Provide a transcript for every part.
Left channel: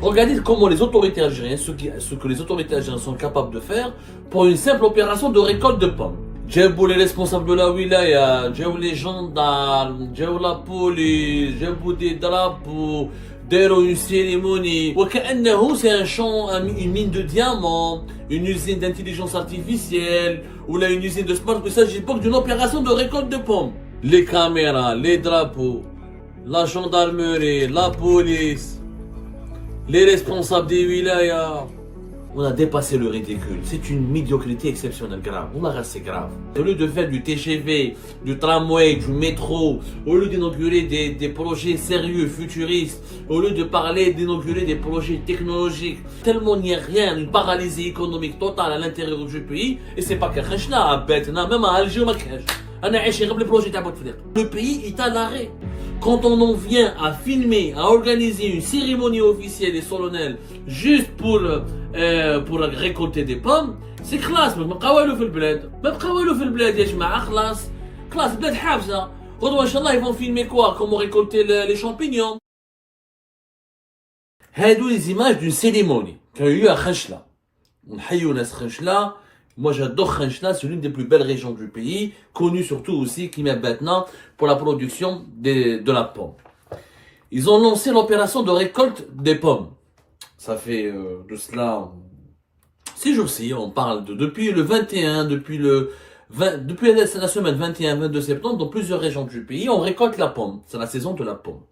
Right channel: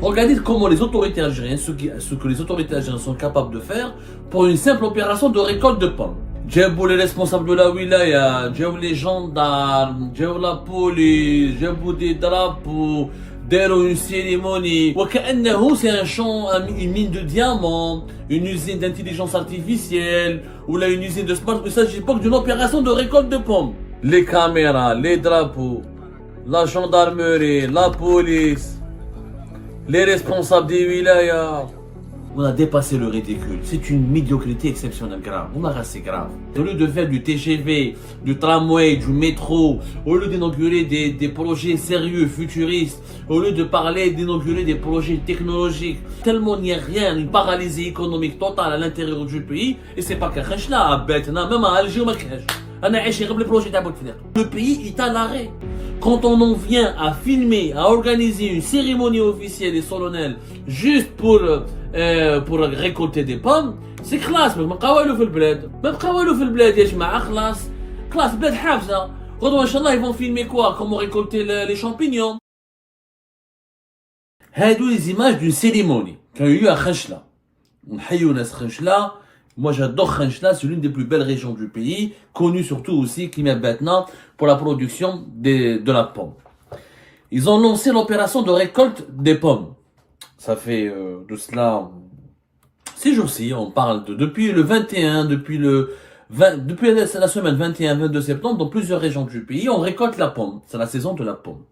Regardez comment les autorités algériennes, ce que les autorités algériennes sont capables de faire pour une simple opération de récolte de pommes. Djebou les responsables de la wilaya, djebou les gendarmes, djebou la police, djebou des drapeaux, djebou une cérémonie. C'est un champ, une mine de diamants, une usine d'intelligence artificielle, ou là une usine de smart. Il s'agit pas d'une opération de récolte de pommes. Les caméras, les drapeaux, la gendarmerie, la police, les responsables des wilayas. On a dépassé le ridicule. C'est une médiocrité exceptionnelle, grave. On a c'est grave. Au lieu de faire du TGV, du tramway, du métro, au lieu d'inaugurer des projets sérieux, futuristes, au lieu de parler d'inaugurer des projets technologiques, tellement il n'y a rien, une paralysie économique totale à l'intérieur du pays, et c'est pas que à Betna, même à Alger, le pays est à l'arrêt. Quand on en vient à filmer, à organiser une cérémonie officielle et solennelle juste pour récolter des pommes, c'est classe. ما بقاو له في البلاد ما بقاو له في البلاد يا جماعه خلاص بلاد حافظه غدوه ان شاء الله ils vont filmer quoi, comment récolter les champignons. هادو les images d'une cérémonie qui a eu lieu à Khenchela. نحيوا ناس Khenchela. Moi j'adore Khenchela, c'est l'une des plus belles régions du pays, connue surtout aussi maintenant pour la production de la pomme. Ils ont lancé l'opération de récolte des pommes. Ça fait de cela 6 jours-ci, on parle depuis le 21, depuis la semaine 21-22 septembre, dans plusieurs régions du pays, on récolte la pomme. C'est la saison de la pomme.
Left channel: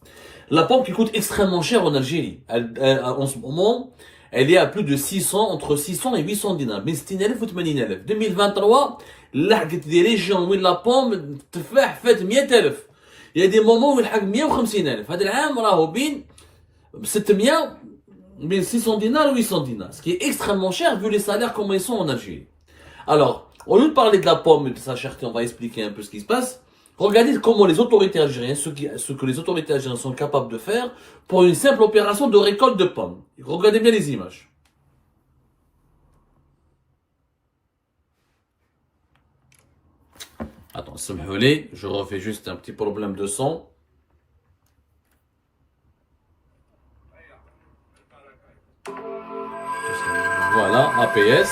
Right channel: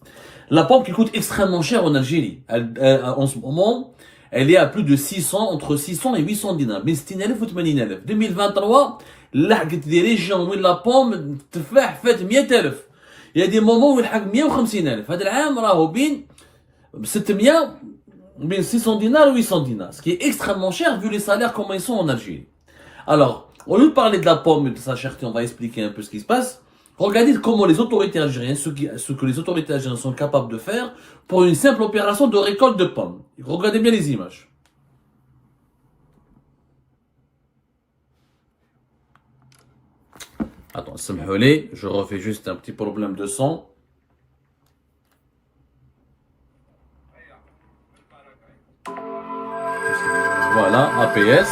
La pomme qui coûte extrêmement cher en Algérie. En ce moment, elle est à plus de 600, entre 600 et 800 dinars. 2023, لحقت des régions où la pomme التفاح فات 100,000. Il y a des moments où لحق 150,000. هذا العام راهو بين 600, بين 600 dinars et 800 dinars. Ce qui est extrêmement cher vu les salaires comme ils sont en Algérie. Alors, au lieu de parler de la pomme et de sa cherté, on va expliquer un peu ce qui se passe. Regardez comment les autorités algériennes, ce que les autorités algériennes sont capables de faire pour une simple opération de récolte de pommes. Regardez bien les images. Attends, je refais juste un petit problème de son. Voilà, APS.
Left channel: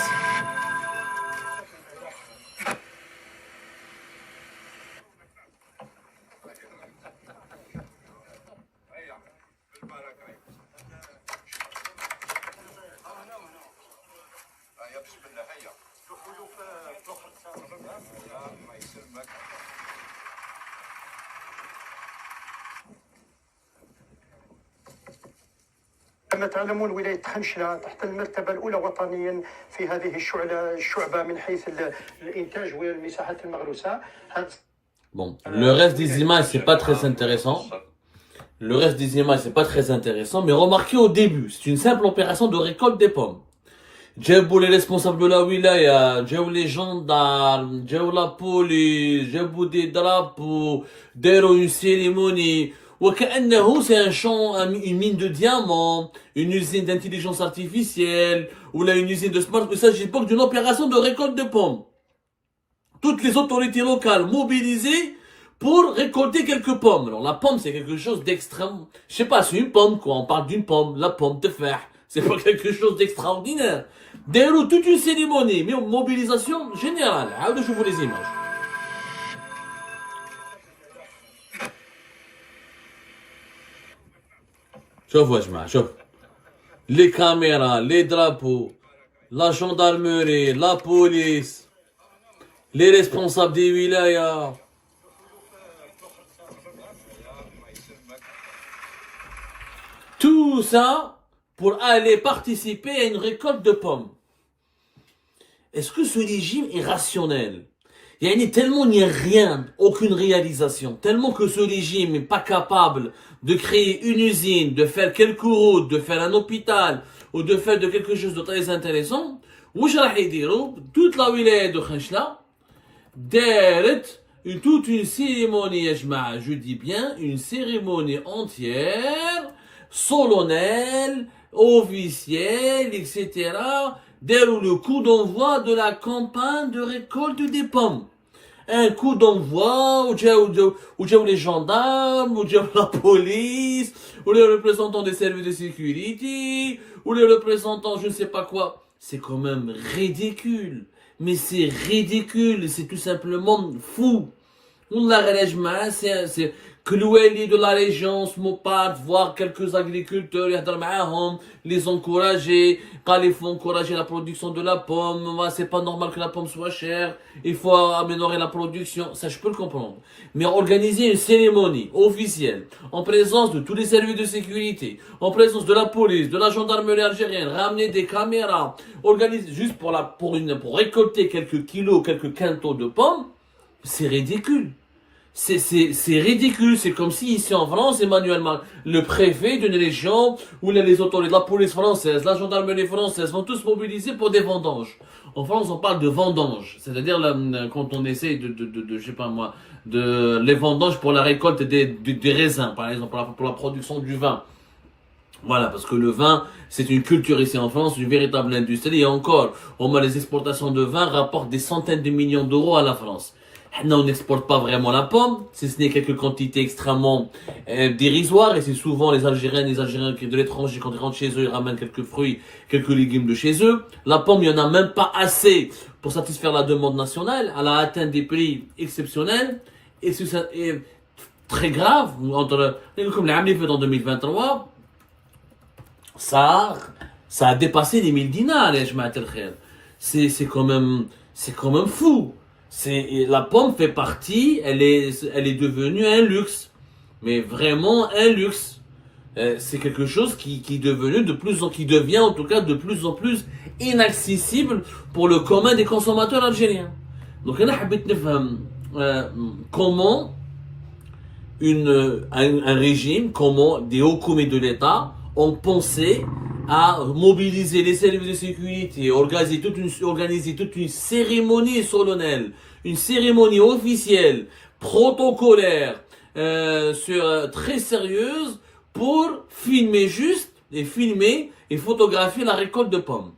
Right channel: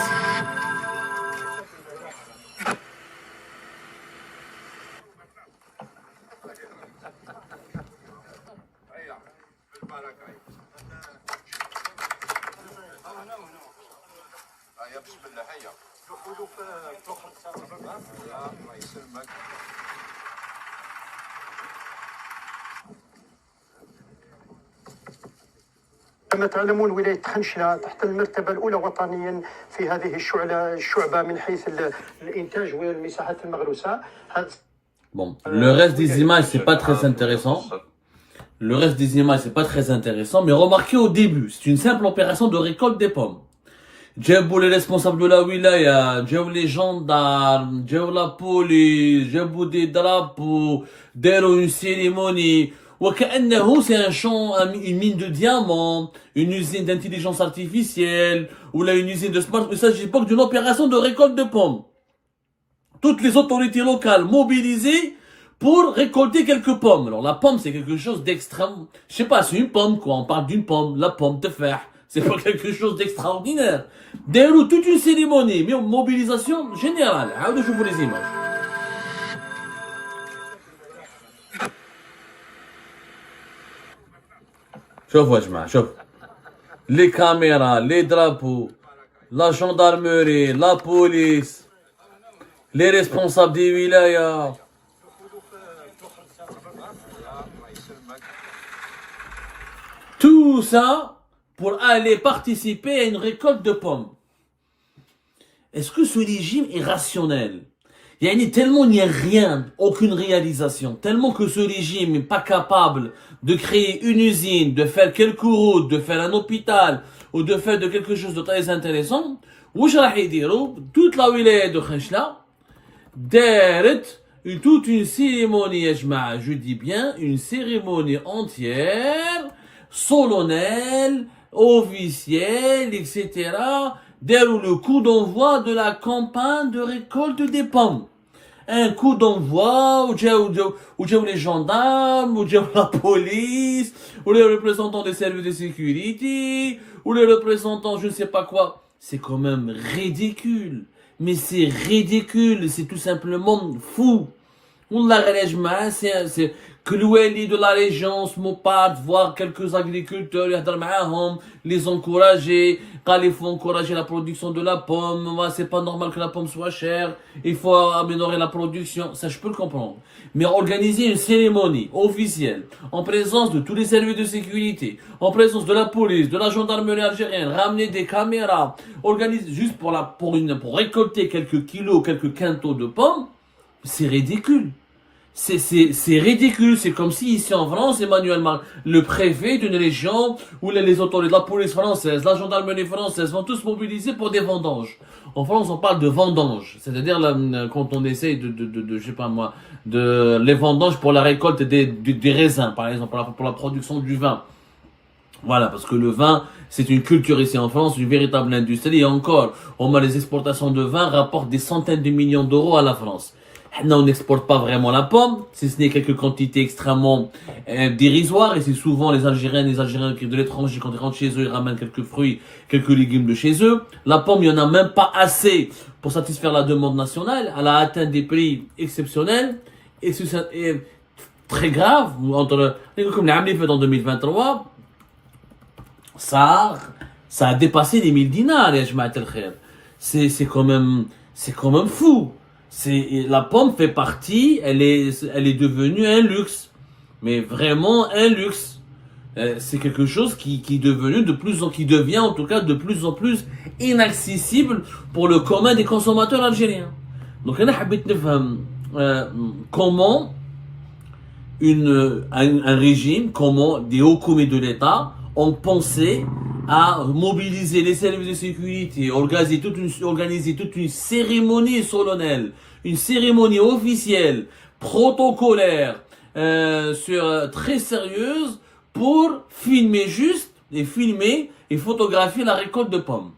كما تعلمون ولاية خنشلة تحت المرتبة الأولى وطنيا في هذه الشعبة من حيث الإنتاج والمساحات المغروسة. Bon, le reste des images, c'est pas très intéressant. Mais remarquez au début, c'est une simple opération de récolte des pommes. Djebou les responsables de la wilaya, djebou les gendarmes, djebou la police, djebou des drapeaux, djebou une cérémonie. C'est un champ, une mine de diamants, une usine d'intelligence artificielle, ou là une usine de smart. Il s'agit pas d'une opération de récolte de pommes. Toutes les autorités locales mobilisées pour récolter quelques pommes. Alors la pomme c'est quelque chose d'extrême. Je sais pas, c'est une pomme quoi. On parle d'une pomme, la pomme de fer. C'est pas quelque chose d'extraordinaire. Déroule toute une cérémonie, mais une mobilisation générale. Je vous les images. شوفوا يا جماعة شوف les caméras, les drapeaux, la gendarmerie, la police, les responsables des wilayas. Tout ça pour aller participer à une récolte de pommes. Est-ce que ce régime est rationnel? Tellement il n'y a rien, aucune réalisation, tellement que ce régime n'est pas capable de créer une usine, de faire quelques routes, de faire un hôpital, ou de faire de quelque chose de très intéressant, toute la wilaya de Khenchela, toute une cérémonie, je dis bien, une cérémonie entière, solennelle, officielle, etc., dès le coup d'envoi de la campagne de récolte des pommes. un coup d'envoi, où les gendarmes, où la police, ou les représentants des services de sécurité, ou les représentants je ne sais pas quoi. C'est quand même ridicule. Mais c'est ridicule, c'est tout simplement fou. Wallah, c'est que l'ouali de la région se moparte, voir quelques agriculteurs, les encourager, quand il faut encourager la production de la pomme, c'est pas normal que la pomme soit chère, il faut améliorer la production, ça je peux le comprendre. Mais organiser une cérémonie officielle, en présence de tous les services de sécurité, en présence de la police, de la gendarmerie algérienne, ramener des caméras, organiser juste pour récolter quelques kilos, quelques quintaux de pommes, c'est ridicule. C'est ridicule. C'est comme si ici en France, Emmanuel Macron, le préfet d'une région, où les autorités de la police française, la gendarmerie française sont tous mobilisés pour des vendanges. En France, on parle de vendanges. C'est-à-dire quand on essaye je sais pas moi, les vendanges pour la récolte des raisins, par exemple, pour la production du vin. Voilà, parce que le vin, c'est une culture ici en France, une véritable industrie. Et encore, les exportations de vin rapportent des centaines de millions d'euros à la France. Là, on n'exporte pas vraiment la pomme, si ce n'est quelques quantités extrêmement dérisoires, et c'est souvent les Algériens qui de l'étranger, quand ils rentrent chez eux, ils ramènent quelques fruits, quelques légumes de chez eux. La pomme, il n'y en a même pas assez pour satisfaire la demande nationale. Elle a atteint des prix exceptionnels, et c'est très grave. Comme l'année fait en 2023, ça a dépassé les 1000 dinars, les Jamaat el-Khair. C'est quand même fou. La pomme fait partie, elle est devenue un luxe, mais vraiment un luxe. C'est quelque chose qui devient en tout cas de plus en plus inaccessible pour le commun des consommateurs algériens. Donc, on a comment un régime, comment des hauts commets de l'État ont pensé à mobiliser les services de sécurité, organiser toute une cérémonie solennelle, une cérémonie officielle, protocolaire, très sérieuse, pour filmer et photographier la récolte de pommes.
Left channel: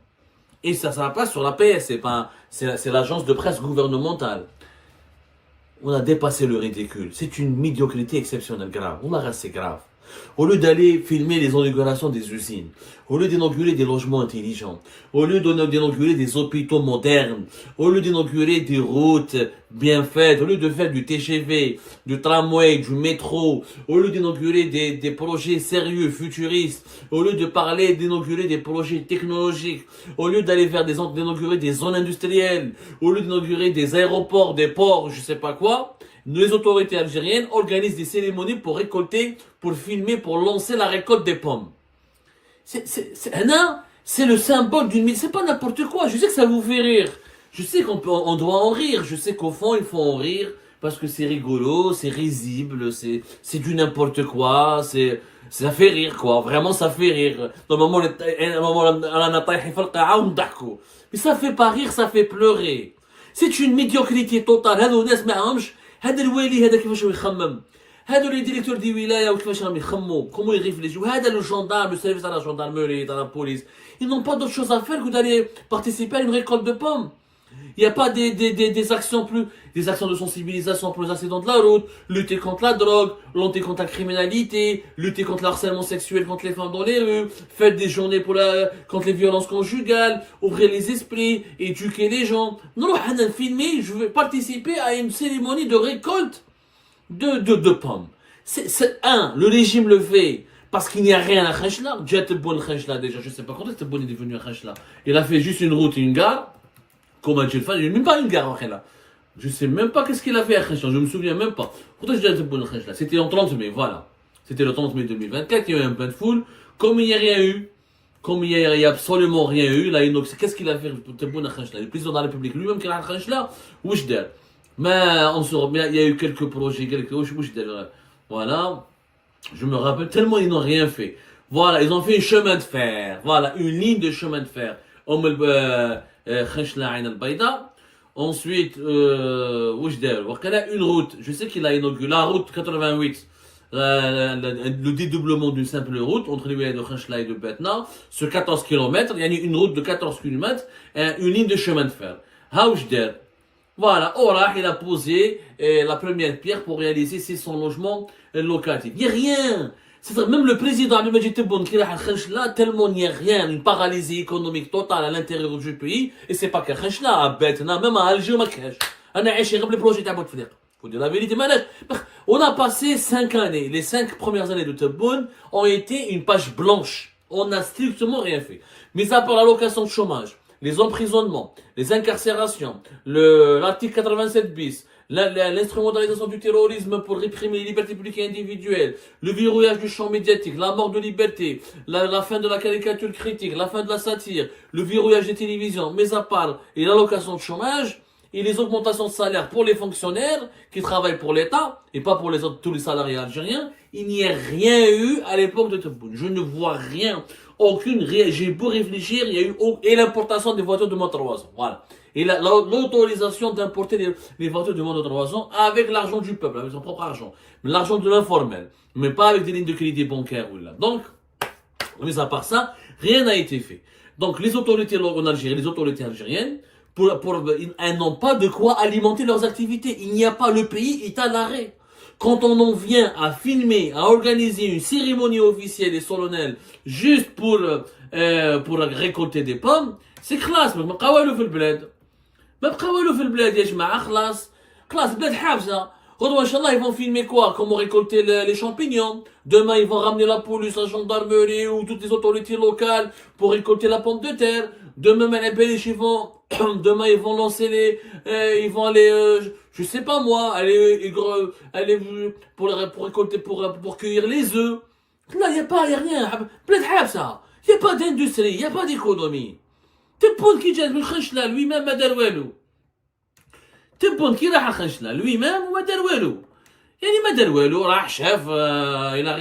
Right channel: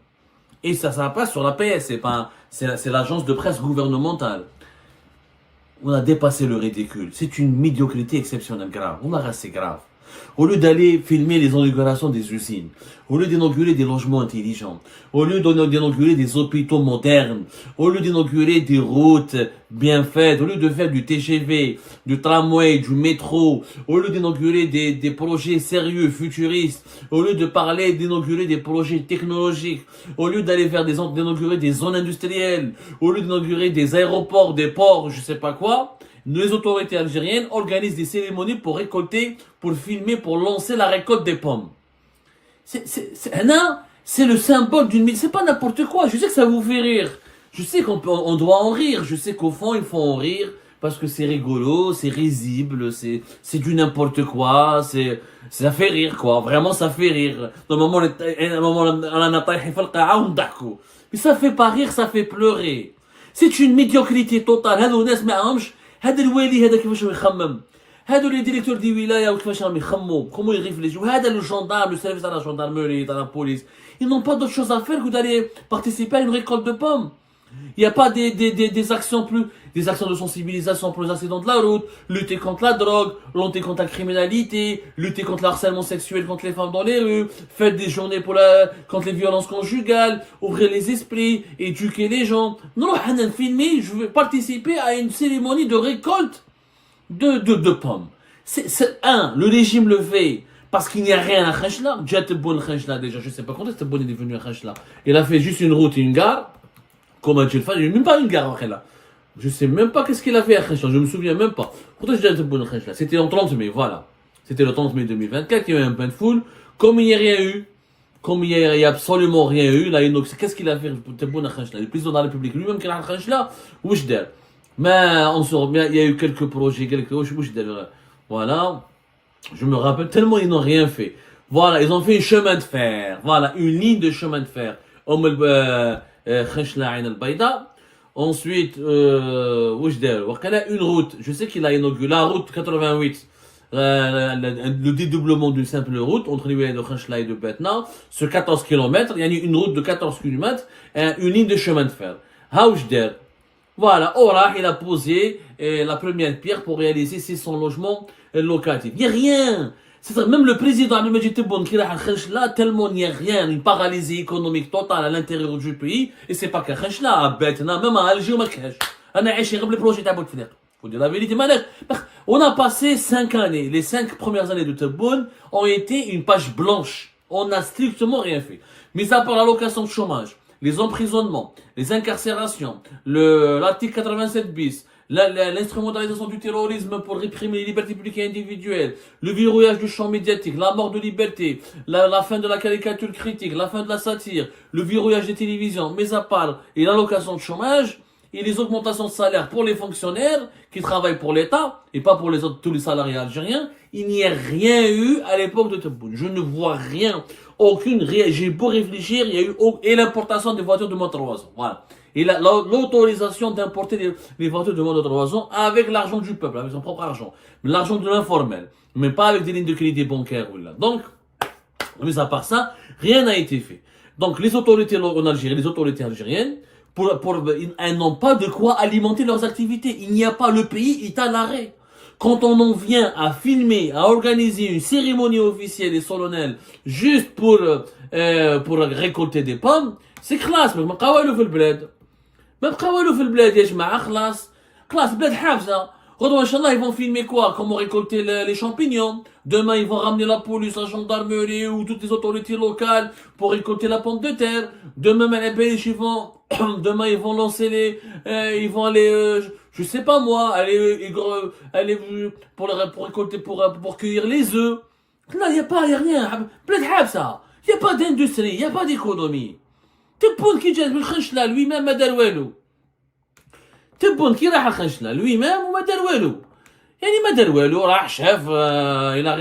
Et ça passe sur la PS, c'est l'agence de presse gouvernementale. On a dépassé le ridicule. C'est une médiocrité exceptionnelle, grave. C'est grave. Au lieu d'aller filmer les inaugurations des usines, au lieu d'inaugurer des logements intelligents, au lieu d'inaugurer des hôpitaux modernes, au lieu d'inaugurer des routes bien faites, au lieu de faire du TGV, du tramway, du métro, au lieu d'inaugurer des projets sérieux, futuristes, au lieu d'inaugurer des projets technologiques, au lieu d'inaugurer des zones industrielles, au lieu d'inaugurer des aéroports, des ports, je sais pas quoi, les autorités algériennes organisent des cérémonies pour récolter, pour filmer, pour lancer la récolte des pommes. C'est le symbole d'une... C'est pas n'importe quoi. Je sais que ça vous fait rire. Je sais qu'on doit en rire. Je sais qu'au fond, il faut en rire parce que c'est rigolo, c'est risible, c'est du n'importe quoi. Ça fait rire, quoi. Vraiment, ça fait rire. Mais ça fait pas rire, ça fait pleurer. C'est une médiocrité totale. هذا الوالي هذا كيفاش يخمم هادو لي ديريكتور دي ولايه وكيفاش راهم يخمموا كومون يريفليجيو هذا لو جوندارم لو سيرفيس تاع لا جوندارموري تاع لا بوليس ils n'ont pas d'autre chose à faire que d'aller participer à une récolte de pommes. Il n'y a pas des actions de sensibilisation pour les accidents de la route, lutter contre la drogue, lutter contre la criminalité, lutter contre le harcèlement sexuel contre les femmes dans les rues, faire des journées contre les violences conjugales, ouvrir les esprits, éduquer les gens. Non, filmer, je veux participer à une cérémonie de récolte de pommes. Le régime le fait parce qu'il n'y a rien à Khachla. Déjà, je sais pas quand est-ce que Tebboune est devenu à Khachla. Il a fait juste une route et une gare. Comment tu le fais? Il n'y a même pas une gare là. Je sais même pas qu'est-ce qu'il a fait à Khachla. Je me souviens même pas. Pourtant, je dis à Tebboune Khachla. C'était le 30 mai, voilà. C'était le 30 mai 2024. Il y a eu un plein de foule. Comme il n'y a rien eu. Comme il n'y a absolument rien eu. Là, qu'est-ce qu'il a fait pour Tebboune Khachla? Le président de la République lui-même qui a Khachla. Mais il y a eu quelques projets, voilà. Je me rappelle tellement ils n'ont rien fait. Voilà, ils ont fait un chemin de fer. Voilà, une ligne de chemin de fer. Ensuite, une route. Je sais qu'il a inauguré la route 88. Le dédoublement d'une simple route entre les villages de Khachla et de Betna sur 14 km. Il y a une route de 14 km, une ligne de chemin de fer. Voilà, Orah, il a posé la première pierre pour réaliser 600 logements locatifs. Il n'y a rien. C'est-à-dire, même le président Abdelmadjid Tebboune qui a là, tellement il n'y a rien, une paralysie économique totale à l'intérieur du pays, et c'est pas qu'à Khenchla, à Betna, même à Alger, au Makash. On a échoué le projet de Bouteflika. Faut dire la vérité, manette. On a passé 5 années. Les 5 premières années de Tebboune ont été une page blanche. On n'a strictement rien fait. Mis à part l'allocation de chômage, les emprisonnements, les incarcérations, l'article 87 bis, l'instrumentalisation du terrorisme pour réprimer les libertés publiques et individuelles, le verrouillage du champ médiatique, la mort de liberté, la fin de la caricature critique, la fin de la satire, le verrouillage des télévisions, mis à part et l'allocation de chômage, et les augmentations de salaire pour les fonctionnaires qui travaillent pour l'État et pas pour les autres, tous les salariés algériens, il n'y a rien eu à l'époque de Tebboune. Je ne vois rien, j'ai beau réfléchir, il y a eu et l'importation des voitures de moins de 3 ans. Voilà. Et l'autorisation d'importer les voitures de moins de 3 ans avec l'argent du peuple, avec son propre argent. L'argent de l'informel, mais pas avec des lignes de crédit bancaire. Voilà. Donc, mis à part ça, rien n'a été fait. Donc, les autorités en Algérie, les autorités algériennes, elles n'ont pas de quoi alimenter leurs activités. Il n'y a pas, le pays est à l'arrêt. Quand on en vient à filmer, à organiser une cérémonie officielle et solennelle juste pour récolter des pommes, c'est classe. Mais قاولوا في البلاد. ما بقاولوا في البلاد يا جماعة خلاص. خلاص البلاد حافظة. غدوة Inch'Allah, ils vont filmer quoi? Comment récolter les champignons. Demain, ils vont ramener la police, la gendarmerie ou toutes les autorités locales pour récolter la pomme de terre. Demain, demain, ils vont lancer ils vont aller, je sais pas moi, aller pour récolter, pour cueillir les œufs. Là, il n'y a rien. Plein de ça. Il n'y a pas d'industrie, il n'y a pas d'économie. Tebboune qui جات من خنشلا lui-même ما دار والو. Tebboune qui راح خنشلا lui-même وما دار والو. يعني ما دار والو راح شاف il a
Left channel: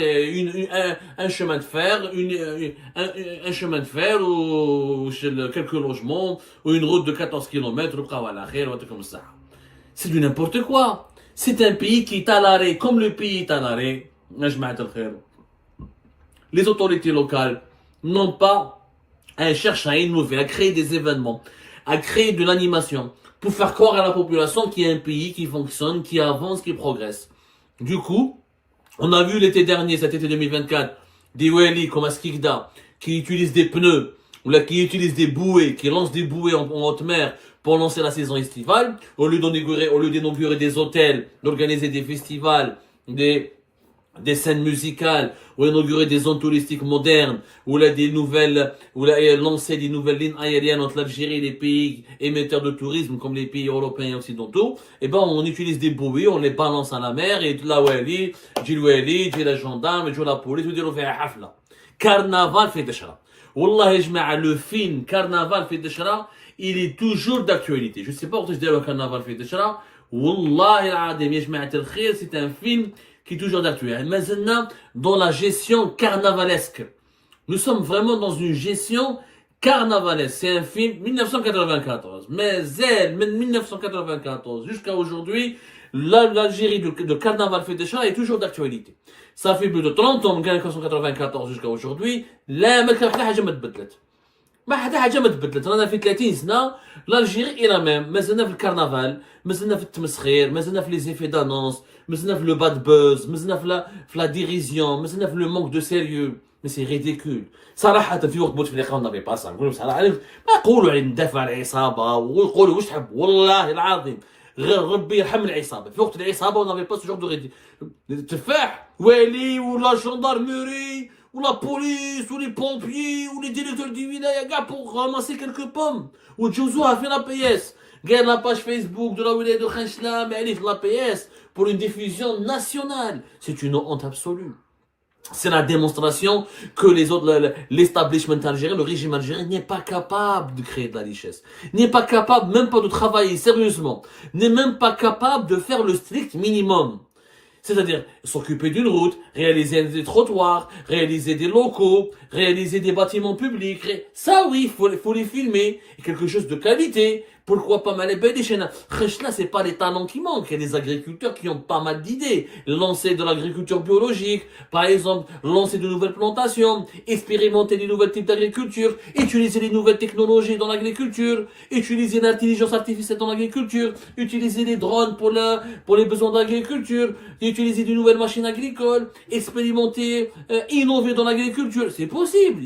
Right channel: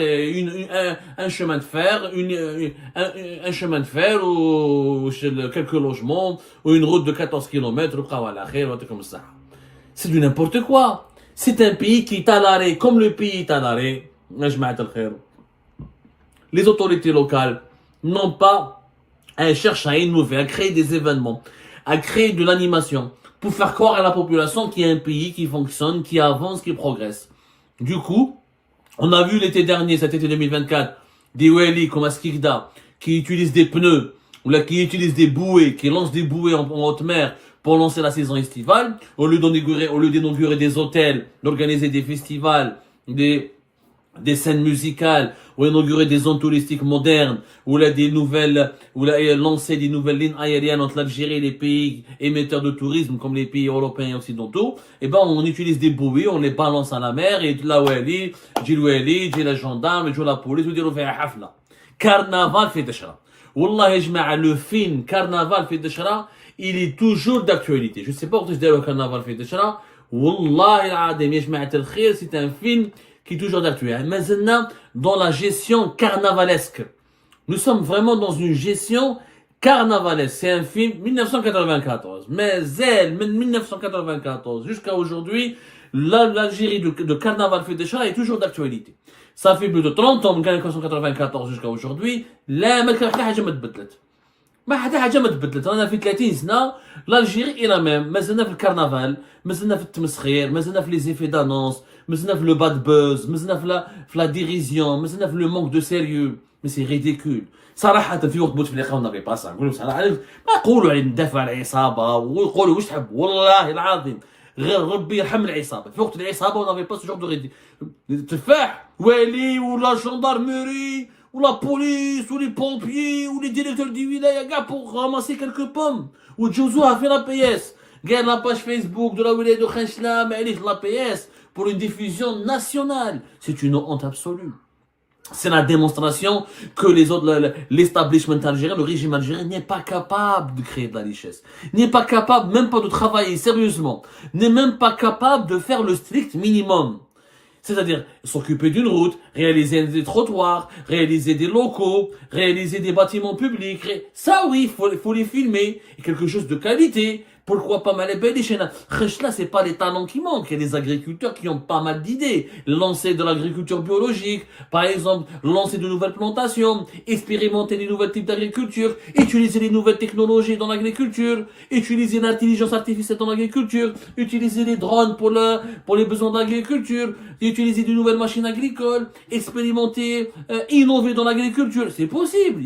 un chemin de fer, un chemin de fer ou quelques logements ou une route de 14 km comme ça. C'est du n'importe quoi. C'est un pays qui est à l'arrêt, comme le pays est à l'arrêt. Les autorités locales n'ont pas. Elles cherchent à innover, à créer des événements, à créer de l'animation pour faire croire à la population qu'il y a un pays qui fonctionne, qui avance, qui progresse. Du coup, on a vu l'été dernier, cet été 2024, des Wali comme Askikda qui utilisent des pneus ou là, qui utilisent des bouées, qui lancent des bouées en haute mer pour lancer la saison estivale, au lieu d'inaugurer des hôtels, d'organiser des festivals, des scènes musicales, ou inaugurer des zones touristiques modernes, ou là lancer des nouvelles lignes aériennes entre l'Algérie et les pays émetteurs de tourisme, comme les pays européens et occidentaux, et ben, on utilise des bouées, on les balance à la mer, et la Wali, j'ai la gendarme, j'ai la police, ou dire, on fait un hafla. Carnaval fait Deshra. Wallah, le film Carnaval fait Deshra, il est toujours d'actualité. Je sais pas pourquoi je dis le Carnaval fait Deshra. Wallah, c'est un film qui est toujours d'actualité. Maintenant, dans la gestion carnavalesque. Nous sommes vraiment dans une gestion carnavalesque. C'est un film 1994. Mais 1994 jusqu'à aujourd'hui, l'Algérie de Carnaval fait Deshra est toujours d'actualité. Ça fait plus de 30 ans, 1994 jusqu'à aujourd'hui. لا ما كان حاجة ما تبدلت. ما حاجة ما تبدلت. أنا في 30 سنة l'Algérie est la même. مازلنا في الكرنفال، مازلنا في التمسخير، مازلنا في les effets d'annonce, مازلنا في le bad buzz, مازلنا في la dérision, مازلنا في le manque de sérieux. Mais c'est ridicule. صراحة في وقت بوتفليقة on n'avait pas ça. نقول صراحة ما يقولوا على ندافع على العصابة ويقولوا واش تحب والله العظيم. غير ربي يرحم العصابة. في وقت العصابة on n'avait pas ce genre de تفاح والي ولا gendarmerie ou la police ou les pompiers ou les directeurs du wilaya gars pour ramasser quelques pommes ou Djouzou a fait la PS. Regarde la page Facebook de la wilaya de Khenchla, mais elle est la PS pour une diffusion nationale. C'est une honte absolue. C'est la démonstration que l'establishment algérien, le régime algérien n'est pas capable de créer de la richesse. N'est pas capable, même pas de travailler sérieusement. N'est même pas capable de faire le strict minimum. C'est-à-dire, s'occuper d'une route, réaliser des trottoirs, réaliser des locaux, réaliser des bâtiments publics. Ça oui, il faut les filmer. Et quelque chose de qualité. Pourquoi pas mal les chaînes? Là, c'est pas les talents qui manquent. Il y a des agriculteurs qui ont pas mal d'idées. Lancer de l'agriculture biologique, par exemple, lancer de nouvelles plantations, expérimenter de nouveaux types d'agriculture, utiliser les nouvelles technologies dans l'agriculture, utiliser l'intelligence artificielle dans l'agriculture, utiliser les drones pour les besoins d'agriculture, utiliser de nouvelles machines agricoles, expérimenter, innover dans l'agriculture. C'est possible.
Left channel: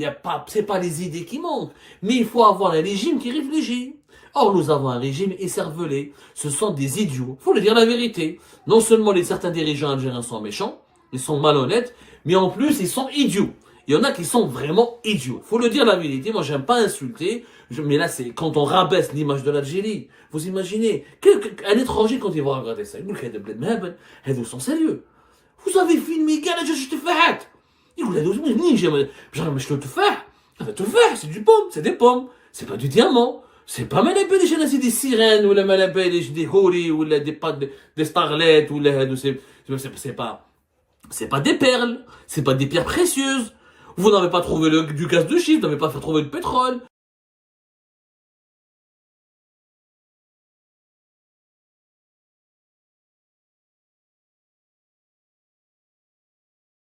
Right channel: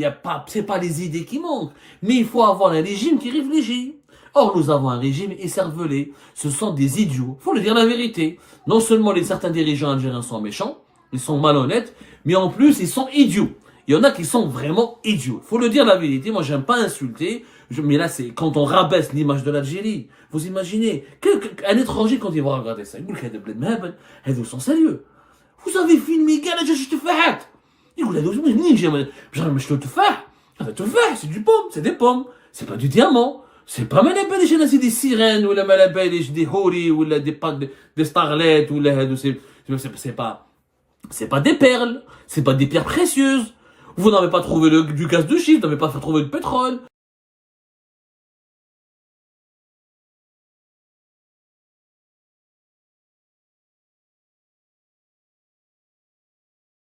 C'est pas les idées qui manquent. Mais il faut avoir un régime qui réfléchit. Or, nous avons un régime écervelé. Ce sont des idiots. Faut le dire la vérité. Non seulement certains dirigeants algériens sont méchants, ils sont malhonnêtes, mais en plus, ils sont idiots. Il y en a qui sont vraiment idiots. Faut le dire la vérité. Moi, j'aime pas insulter. Mais là, c'est quand on rabaisse l'image de l'Algérie. Vous imaginez, un étranger, quand il va regarder ça, il dit que vous sont sérieux. Vous avez filmé, gars, là, je te fais. Il dit, c'est du pomme, c'est des pommes. C'est pas du diamant. C'est pas malabé les chaînes, c'est des sirènes, ou la malabé des horis, ou des starlets, ou c'est pas des perles, c'est pas des pierres précieuses. Vous n'avez pas trouvé du gaz de schiste, vous n'avez pas trouvé de pétrole.